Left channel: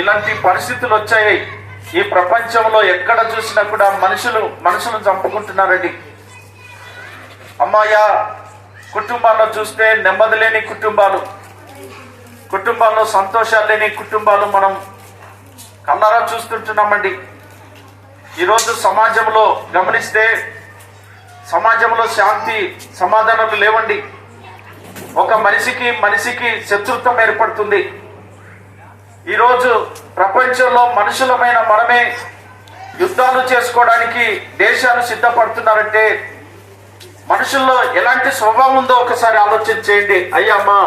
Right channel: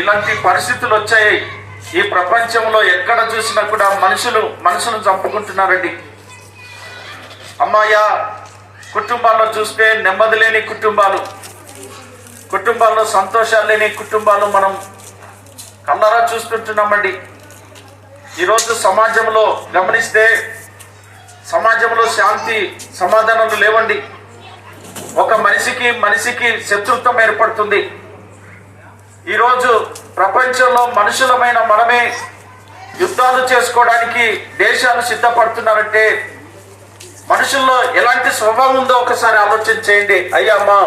ఇలాంటి పరిస్థితులు వచ్చాయి. ఈ ప్రపంచంలో ఎక్కడ చూసినా కూడా మనుషులు చంపుకుంటున్నారండి. అమ్మాయ కుటుంబాల్లో చూస్తే నెమ్మది లేని కుటుంబాల్లో సంతోషాలు లేని కుటుంబాలు మనం కళ్ళారా చూస్తుంటున్నామండి. ఈరోజు సమాజంలో గమనిస్తే సమాజంలో శాంతి సమాధానాలు లేవండి. ఒక మనిషికి శత్రుత్వం ఏర్పడుతుంది. ఈరోజు ప్రపంచంలో మనుషులమైన మనమే యుద్ధాలు చేసుకోవడానికి దేశాలు సిద్ధపడుతున్నారంటే మనుషుల్లో ఎలాంటి స్వభావం ఉందో ఒకసారి ఆలోచన చేయండి. అయ్యమ్మా,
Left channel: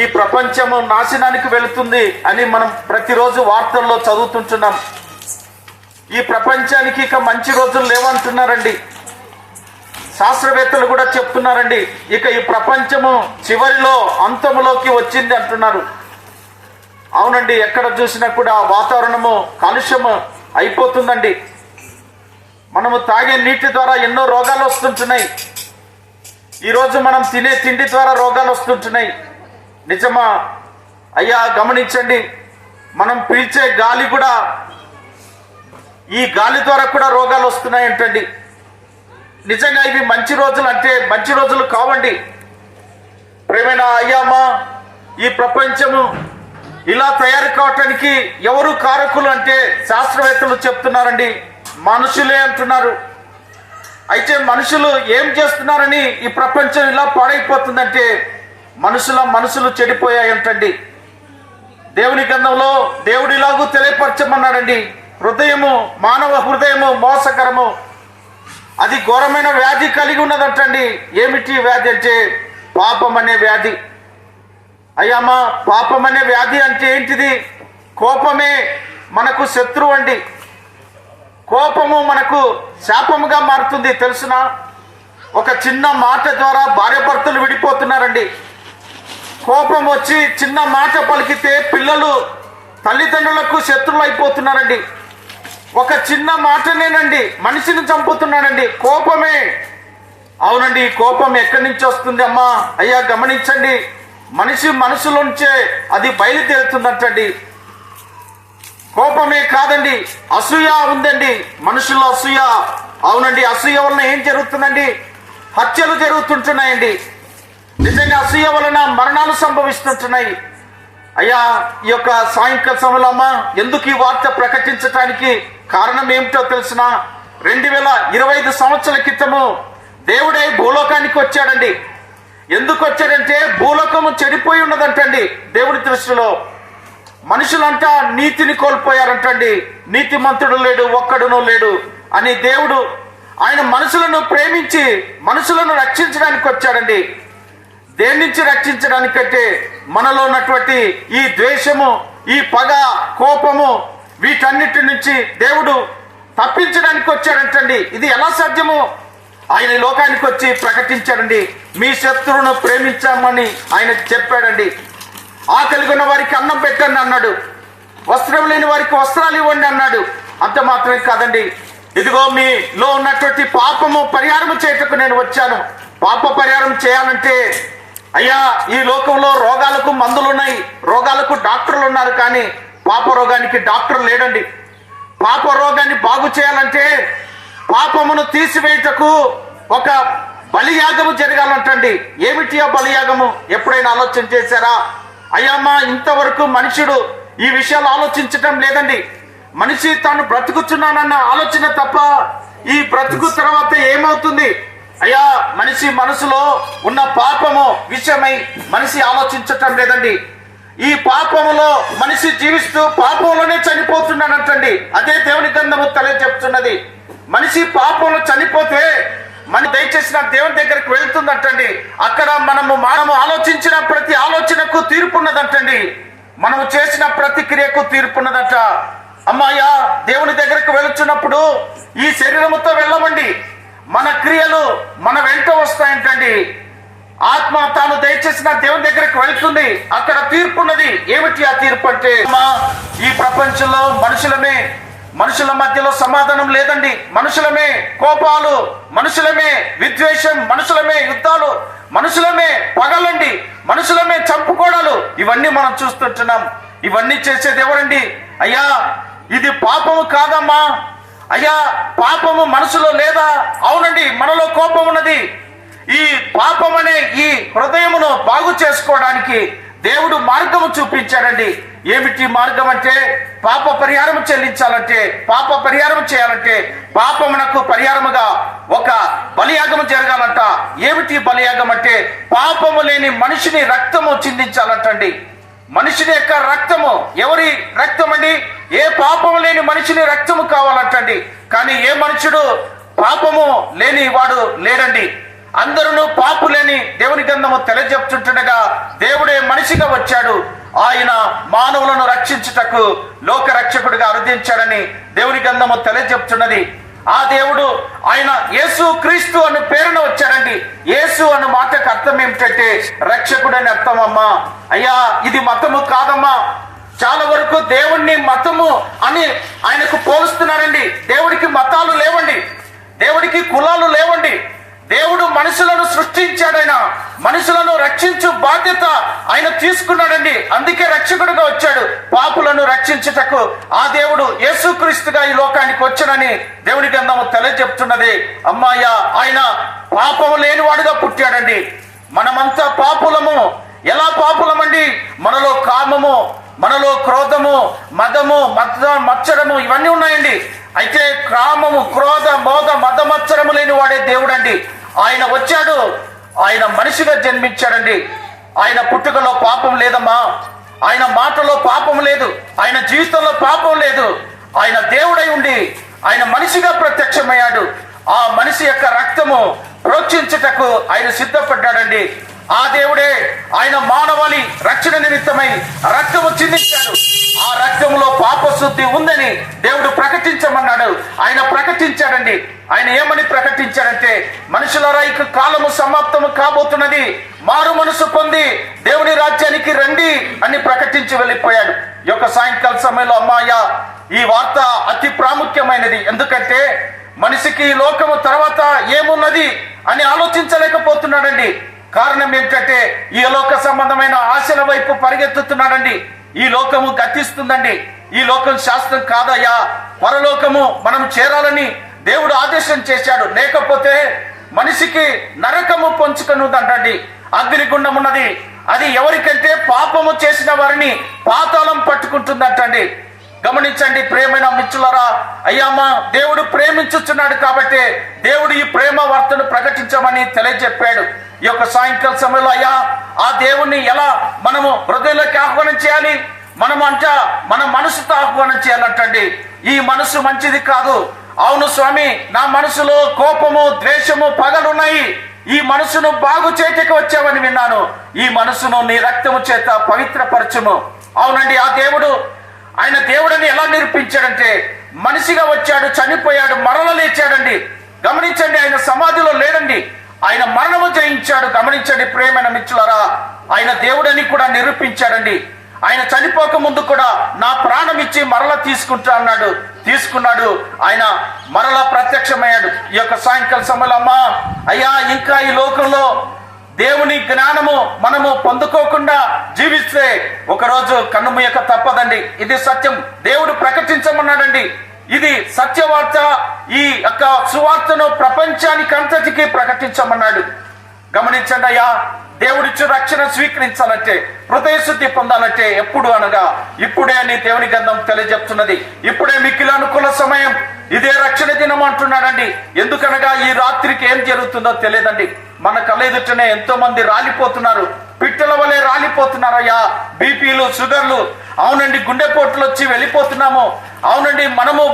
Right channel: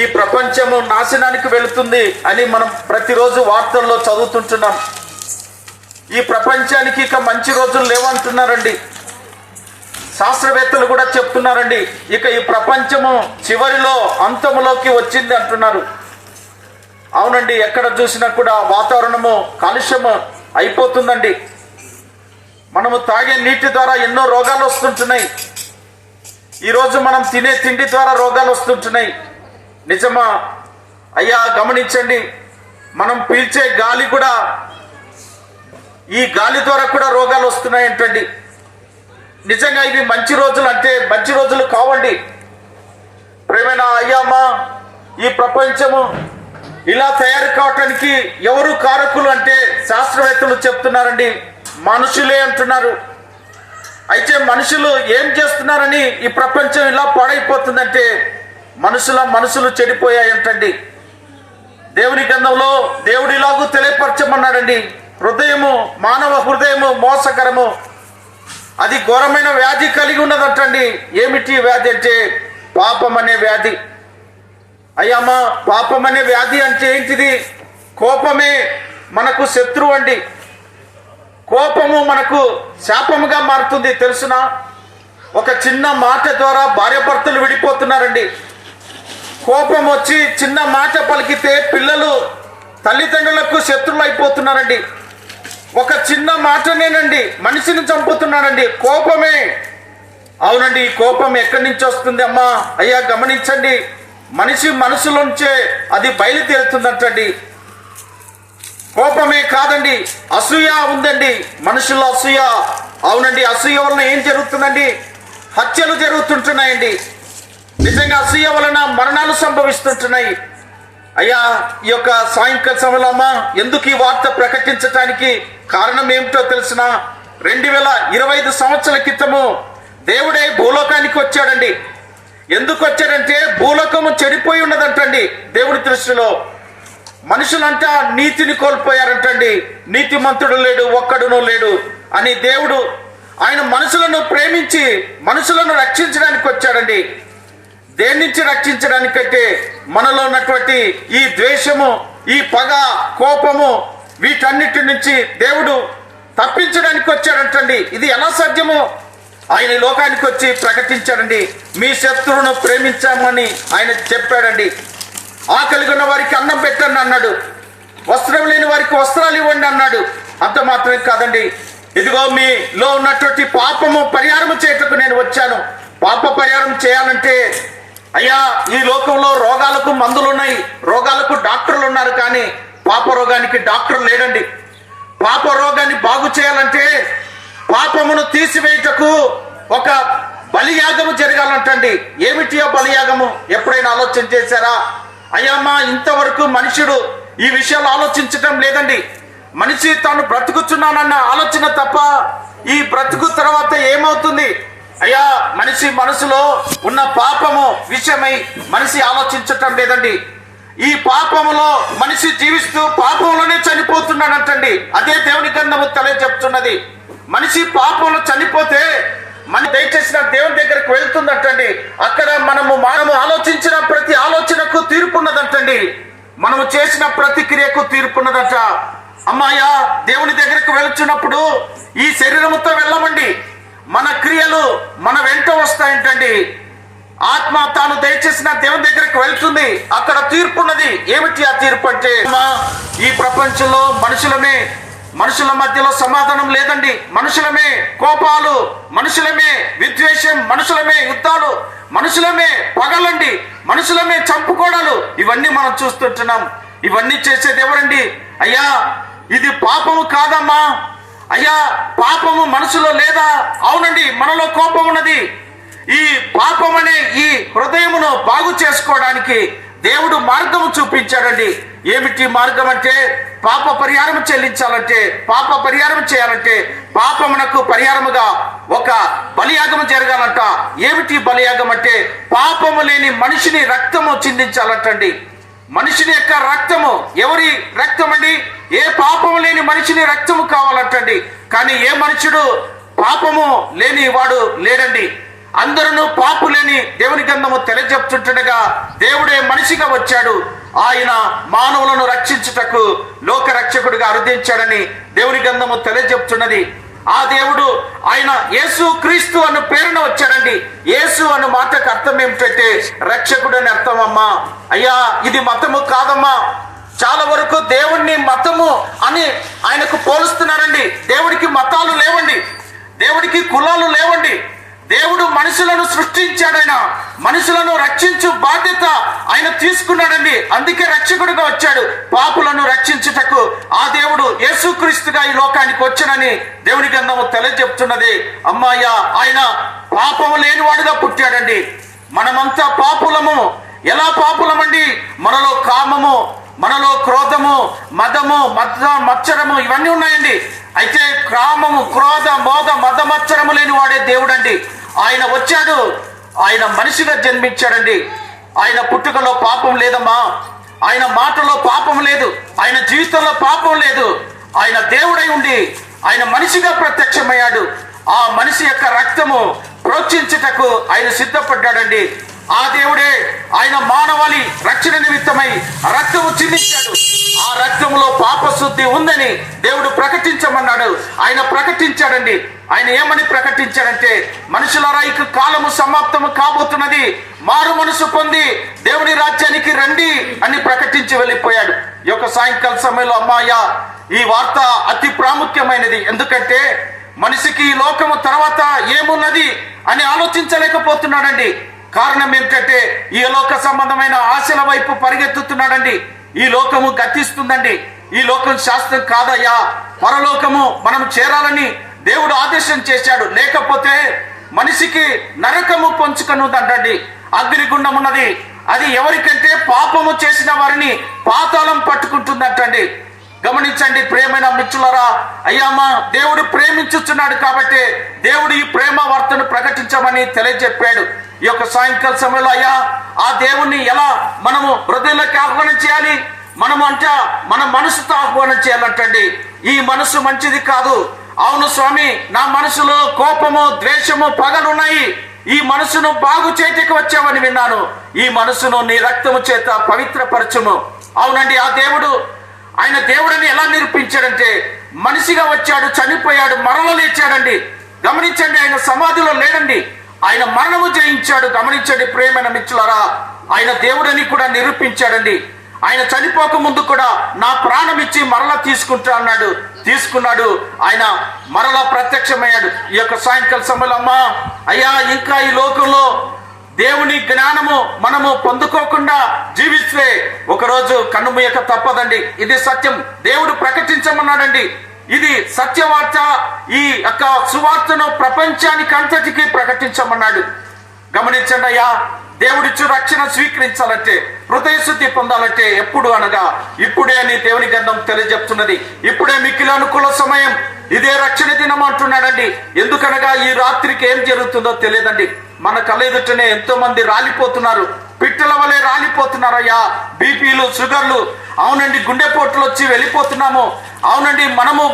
ఈ ప్రపంచము నాశనానికి వెళుతుంది అని మనం ప్రతిరోజు వార్తల్లో చదువుతుంటున్నాం. ఈ ప్రపంచానికి ఇక మంచి రోజులు లేవంటున్నారండి. శాస్త్రవేత్తలు కూడా చెప్తున్నారండి, ఇక ఈ ప్రపంచము చివరిలో అంతములోకి వచ్చింది అంటున్నారు. అవునండి, ఎక్కడ చూసినా కూడా వాతావరణము కాలుష్యము అయిపోతుందండి. మనము తాగే నీటి ద్వారా ఎన్నో రోగాలు వస్తుంటున్నాయి. ఈరోజు మనం తినే తిండి ద్వారా రోగాలు వస్తుంటున్నాయి. నిజమా అయ్యా? గమనించండి, మనం పీల్చే గాలి కూడా, ఈ గాలి ద్వారా కూడా రోగాలు వస్తున్నాయంటండి. నిజంగా ఇవి మంచి రోజులు అంటే మంచి రోజులు కావండి. ప్రేమైన అయ్యామా, ఈ ప్రపంచము ఇలా తయారు కావటానికి ఎవరు కారకులు అంటే శాస్త్రవేత్తలు చెప్తున్నారండి, మనుషులే అంటున్నారు. అయితే మనుషులు ఏం చేస్తున్నారని ఈ ప్రపంచం ఇలా పాడైపోతుందంటే మనుషులు చెడిపోయాయంటండి. దేవుని గ్రంథంలో దేవుడు ఇలాగూ తెలియపరచమన్నాడండి, మానవ హృదయము మోసకరము, అది ఘోరమైన వ్యాధి కలిగి ఉన్నదంటండి. ఏమిటి వ్యాధి అంటే పాపం అనే వ్యాధి. అయ్యమ్మా, పాపం అనే వ్యాధి అంటే ఏంటిది? కోపమే మనకు శత్రువు అండి. కోపము మనకు శాపముగా మారుతుంది. తెలుసునా? ఒక చిన్న మాట ద్వారా భార్యాభర్తలు విడిపోతున్నారండి. కోపం వచ్చి చిన్న మాట పలికితే పిల్లలు తల్లిదండ్రులకు శత్రువులు అయిపోతున్నారండి. ఒక చిన్న మాటనేనండి మనిషిని చంపుతున్నాడండి. కోపమే. అవునండి, ఈ కోపం ఎక్కడి నుంచి వస్తుంది అమ్మా? అయ్యా గమనించండి, మనిషి మనసులోంచే అది బయలుదేరుతుందంటండి. కోపమే కాదండి, అసూయ ఉందండి మనుషుల్లో, అసూయ. అవునండి, అసూయ వలన ఏం జరుగుతుందండి? హత్యలు జరుగుతుంటున్నాయండి. నిజంగా అసూయ వలన మరణాలు సంభవిస్తుంటున్నాయి. అయ్యా, ఈ యొక్క సాయంకాల సమయంలో అమ్మా, ఎందుకు ఈ వార్త ప్రకటించడానికి కారణం ఏమిటో తెలిసిన? 2025 సంవత్సరాల క్రితము దేవుడే భూలోకానికి వచ్చాడండి. ఎందుకు వచ్చాడంటే భూలోకము చెడిపోయి ఉన్నదంటండి. దేవుడి దృష్టిలో మనుషులంతా నీతిని కోల్పోయారంటండి. నీతిమంతుడు లేడు, ఒక్కడునూ లేడు అని దేవుడు ఆయన మనుషులను ప్రేమించి మనుషులను రక్షించడానికి వచ్చాడండి. దేని నుంచి రక్షించడానికంటే మనలో ఉన్నటువంటి ఈ ద్వేషము, ఈ పగ, కోపము, వీటన్నిటి నుంచి దేవుడు తప్పించడానికి వచ్చాడంటండి. ఇది ఎలా సాధ్యమో ఆయన లోకానికి వచ్చి ప్రకటించాడండి. మీ శత్రువును ప్రేమించామని ఆయన చెప్పాడండి. ఆకలి ఉన్న వారికి అన్నం పెట్టండి అన్నాడు. వస్త్రం లేని వారికి వస్త్రాలు ఇవ్వండి అన్నాడు. అంత మాత్రమే కాదండి, ఇదిగో మీలో ఉన్నటువంటి పాపము పరిహారం చేయటకు నేను వచ్చాను. పాప పరిహారం చేయాలంటే అయ్యా, ఈ లోకంలో రోగాలకు మందులు ఉన్నాయి, రోగాలకు డాక్టర్లు ఉన్నారు, కానీ పాప రోగానికి డాక్టర్ లేడండి. పాప రోగాన్ని బాగు చేయాలంటే పాపమును తీసివేయటకు ఒక బలియాగము జరగాలంటండి. ఏమిటి ఆ బలియాగము? ఎప్పుడైనా ఆలోచన చేశారా? అయ్యమ్మా, ఇంతవరకు మనుషుడు ఈ విషయాలు ఆలోచించటం లేదండి. మనిషి తాను బ్రతుకుతున్నానన్న ఆలోచన తప్ప ఈ బ్రతుకు తర్వాత ఏమవుతుంది? అయ్యా, మనిషి మనసులో ఉన్న పాపము విషయమై మనిషి ఆలోచించటం లేదండి. ఈ పాపములో మనిషి జీవిస్తూ పాపంలోనే చనిపోతున్నాడంటండి. అదే దేవుని గ్రంథము తెలియజెప్తున్నది. మనిషి పాపంలో చనిపోతే మన దయచేసిన దేవుని దగ్గరికి వెళ్తుందంటండి. అక్కడ మనము ఆలోచించిన ప్రతి ఆలోచనకు తీర్పున్నదంటండి. మనము చేసిన ప్రతి క్రియకు తీర్పున్నదట. అమ్మాయ్యా, దేవుని దగ్గరికి వెళుతున్నప్పుడు ఈ శరీరముతో వెళ్ళమండి, మన క్రియలు మన వెంట వస్తాయంటండి. ఆత్మ తాను దయచేసిన దేవుని దగ్గరికి వెళ్తుంది, అక్కడ తీర్పున్నది. ఏమిటి ఆ తీర్పు అంటే? ఈ ప్రపంచంలో మనుషుల మధ్యలో సమాధానం లేదండి. మనుషులమే కోపాలు, మనుషులమే విద్వేషం, మనుషులమే యుద్ధాలు, మనుషులమే పగలండి, మనుషులమే చంపుకోవడాలు, ఇవన్నీ మనం చూస్తుంటున్నాం. ఇవన్నీ చేసేది ఎవరండి? అయ్యా ఇది పాపము కాదమ్మా, అయ్యా పాపము మనసులో లేదా? అవునండి, మనలో కోపం ఉన్నది. ఈ పాపం అనే ఈ హృదయమును బాగు చేసుకోవడానికి దేవుడు మార్గము చూపించాడండి. ఏమిటి మార్గం అంటే, పాప పరిహారం చెల్లించాలంటే, పాప పరిహారం చేయాలంటే, పాపమునకు పరిహారముగా ఒక బలియాగము జరగాలంట. ఏమిటి బలియాగం అంటే, పాపము లేని మనిషిని రక్తము చిందించాలంటండి. మనిషిని యొక్క రక్తము, ఎవరి రక్తం అండి? ఏ పాపము లేని మనిషిని రక్తము కావాలంటండి. కానీ ఏ మనుషుడు పాపము లేని వాడు లేడండి. అందరూ పాపులేని దేవుని గ్రంథము తెలియజెప్తుండగా దేవుడే మనిషిగా వచ్చాడు. ఆయన మానవులను రక్షించుటకు లోక రక్షకుడిగా అరుదించాడని దేవుని గ్రంథము తెలియజెప్తున్నది. ఆ దేవుడు ఆయన యేసు క్రీస్తు అన్న పేరున వచ్చాడండి. యేసు అన్న మాటకు అర్థం ఏమిటంటే రక్షకుడు అని అర్థం అమ్మా. అయ్యా ఇది మతము కాదమ్మా. చాలా వరకు దేవుణ్ణి మతము అని ఆయనకు పోలుస్తున్నారండి. దేవుడికి మతాలు లేవండి, దేవుడికి కులాలు లేవండి. దేవుడు మనుషులను సృష్టించాడైనా మనుషులను రక్షించు బాధ్యత ఆయన తీసుకున్నాడండి. అందుకే రక్షకుడుగా వచ్చాడు, పాపులను రక్షించుటకు. ఆ దేవుడు యేసుక్రీస్తుగా ఈ లోకానికి వచ్చాడని దేవుని గ్రంథము తెలియజెప్తున్నది. అమ్మాయ ఆయన పాపము లేనివాడుగా పుట్టాడండి. మనమంతా పాపులము. ఎలా పాపులమండి? మనలో కామము, మనలో క్రోధము, మదము, మత్సరము ఇవన్నీ ఉన్నాయండి. అయితే కామము, క్రోధ, మోద, మద, మత్సరము లేని వాడే దేవుడండి. ఆయన వచ్చాడు, ఆయన మనిషిగా జన్మించాడండి. ఆయన పుట్టుకలో పాపం లేదమ్మా, ఆయన మాటలో పాపం లేదు, ఆయన జీవితంలో పాపం లేదు. ఆయన దేవుడై ఉండి ఆయన మనిషిగా ప్రత్యక్షమయ్యాడు. ఆ మనిషి యొక్క రక్తము ప్రోక్షించుటకు ఆయన సిద్ధపడ్డాడండి. ఆ దేవుడే ఆయన మానవాళి రక్షణ నిమిత్తమై రక్తము చిందించాడు. ఆ రక్తములో పాపశుద్ధి ఉందని దేవుడు ప్రకటించమన్నాడు. ఆయన ప్రకటించాడండి. ఆయన ఏమని ప్రకటించాడంటే, మనుషులారా ఇక కాలము సమాప్తము కాబోతున్నది, మారు మనసు పొంది దేవుని రాజ్యానికి రండి అని ప్రకటించి వెళ్ళిపోయాడు. ఈ యొక్క సాయంకాల సమయంలో అమ్మాయ ఈ వార్త అతి ప్రాముఖ్యమైనది. ఎందుకంటే మనిషికి ఈ లోకము తర్వాత ఏమున్నది అని ఆలోచించలేకపోతున్నాడండి. కారణం ఏమిటంటే ఈ లోక సంబంధమైన ఆశల వైపు పరిగెత్తుతున్నాడండి. ఈ లోకము గతిస్తుందండి. ఈ లోకం శాస్త్రం కాదయ్యా. పరలోకము మనం చేరాలని దేవుడు ఆదేశం చేశాడు. లేకపోతే మనిషికి నరకము పొంచుకనుందంటండి. అగ్నిగుండం ఉన్నది. అది ఎవరికంటే పాపము చేసిన వారిని పాతాళం పట్టుకుంటుందంటండి. గమనించండి ప్రియమైన మిత్రులారా. అయ్యామా దేవుడు ప్రేమించుచున్నాడు కాబట్టి దేవుడు ఈ ప్రేమ వార్తను ప్రకటించమని తెలియజెప్పాడు. ఈ యొక్క సాయంకాల సమయంలో అయ్యా ఆ దేవుణ్ణి ఎలా మనము హృదయంలోకి ఆహ్వానం చేయాలి? మన మనసుతో ఆహ్వానం చేయాలంటండి. ఈ మనసు మంచిది కాదు. అవును స్వామి, నా మనసులో కోపము, ద్వేషము, పగలున్నాయి. ఈ మనసును బాగు చేయటకు వచ్చావని విన్నాను. ఈ మనసును నీ రక్తము చేత పవిత్రపరచుము. అవునండి, ఆ దేవుడు ఆయన దేవుడిని ఎలా నిరూపించాడంటే మనిషిగా వచ్చాడు, చనిపోయాడు, మరల లేచాడండి. గమనించండి, ఆయన సమాధిలో లేడండి, ఆయన మరణము జయించాడు. గమనించండి ప్రియమైన మిత్రులారా, ఆయన దేవుడని కూడా నిరూపించాడండి. ఆయన చనిపోక ముందు కూడా నా ప్రాణం ఇచ్చి మరలా తీసుకుంటా అన్నాడు. తీసుకున్నాడు. ఆయన మరలా ప్రత్యక్షమయ్యాడు. ఈ యొక్క సాయంకాల సమయంలో అమ్మా అయ్యా ఇంకా ఈ లోకంలో దేవుని జ్ఞానము మనము పొందుకోకుండా జీవిస్తే ఒకరోజు కన్నుమూయక తప్పదండి. ఇది సత్యం. దేవుడు ప్రకటించమన్నాడండి. ఇది సత్యవార్త. ఈ యొక్క సువార్తను ప్రపంచానికి అంతటికీ ప్రకటించమన్నాడు. గమనించండి అయ్యా, దేవుడిచ్చు రక్షణ స్వీకరించాలంటే, హృదయ శుద్ధి పొందాలంటే ఎప్పుడు అనగా ఇప్పుడే అని దేవుని గ్రంథం తెలియజెప్తున్నది. ఇప్పుడే మిక్కిలి అనుకూల సమయం, ఇదే రక్షణ దినం అంటున్నాడండి. ఎందుకనగా ఈ రాత్రికి ఏం జరుగుతుందో తెలియదండి. మన కళ్ళ ఎదుటనే ఎంతో మంది రాలిపోతున్నారు, పిట్టల వలె రాలిపోతున్నారు అయ్యా. బీపీలు, షుగర్లు, అవునండి, గుండెపోట్లు వచ్చి వెళ్ళిపోతున్నాము. అవునండి,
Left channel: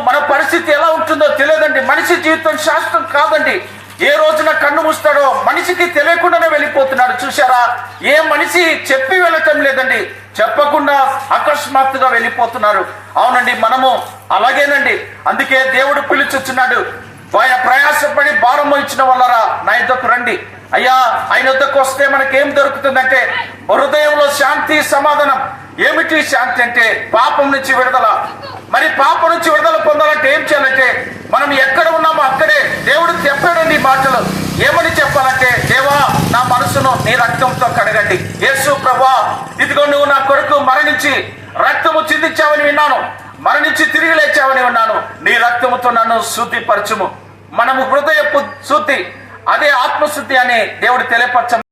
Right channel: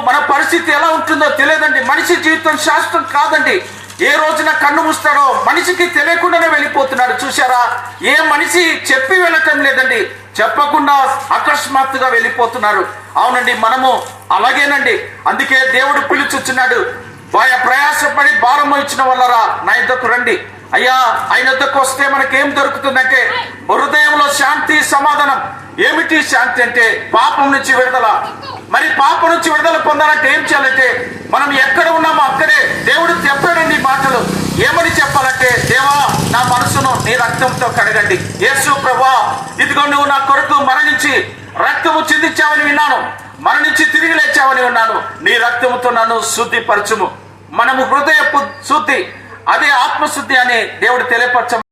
మన పరిస్థితి ఎలా ఉంటుందో తెలియదండి. మనిషి జీవితం శాశ్వతం కాదండి. ఏ రోజున కన్ను మూస్తాడో మనిషికి తెలియకుండానే వెళ్ళిపోతున్నాడు. చూశారా, ఏ మనిషి చెప్పి వెళ్ళటం లేదండి, చెప్పకుండా అకస్మాత్తుగా వెళ్ళిపోతున్నారు. అవునండి, మనము అలాగేనండి. అందుకే దేవుడు పిలుచుచున్నాడు, ప్రయాసపడి భారం ఇచ్చిన వాళ్ళరా నా యుద్ధకు రండి. అయ్యా, ఆయన యుద్ధకు వస్తే మనకేం దొరుకుతుందంటే హృదయంలో శాంతి, సమాధానం. ఏమిటి శాంతి అంటే పాపం నుంచి విడుదల. మరి పాపం నుంచి విడుదల పొందాలంటే ఏం చేయాలంటే మనం ఎక్కడ ఉన్నామో అక్కడే దేవుడు చెప్పాడండి ఈ మాటలు. ఏమని చెప్పాలంటే, దేవా నా మనసును నీ రక్తంతో కడగండి. యేసు ప్రభువా, ఇదిగో నువ్వు నా కొరకు మరణించి రక్తము చిందించావని విన్నాను, మరణించి తిరిగి లేచావని విన్నాను. నీ రక్తముతో నన్ను శుద్ధిపరచుము. మనము హృదయపు శుద్ధి, అదే ఆత్మశుద్ధి అని దేవుడు తెలియపరచ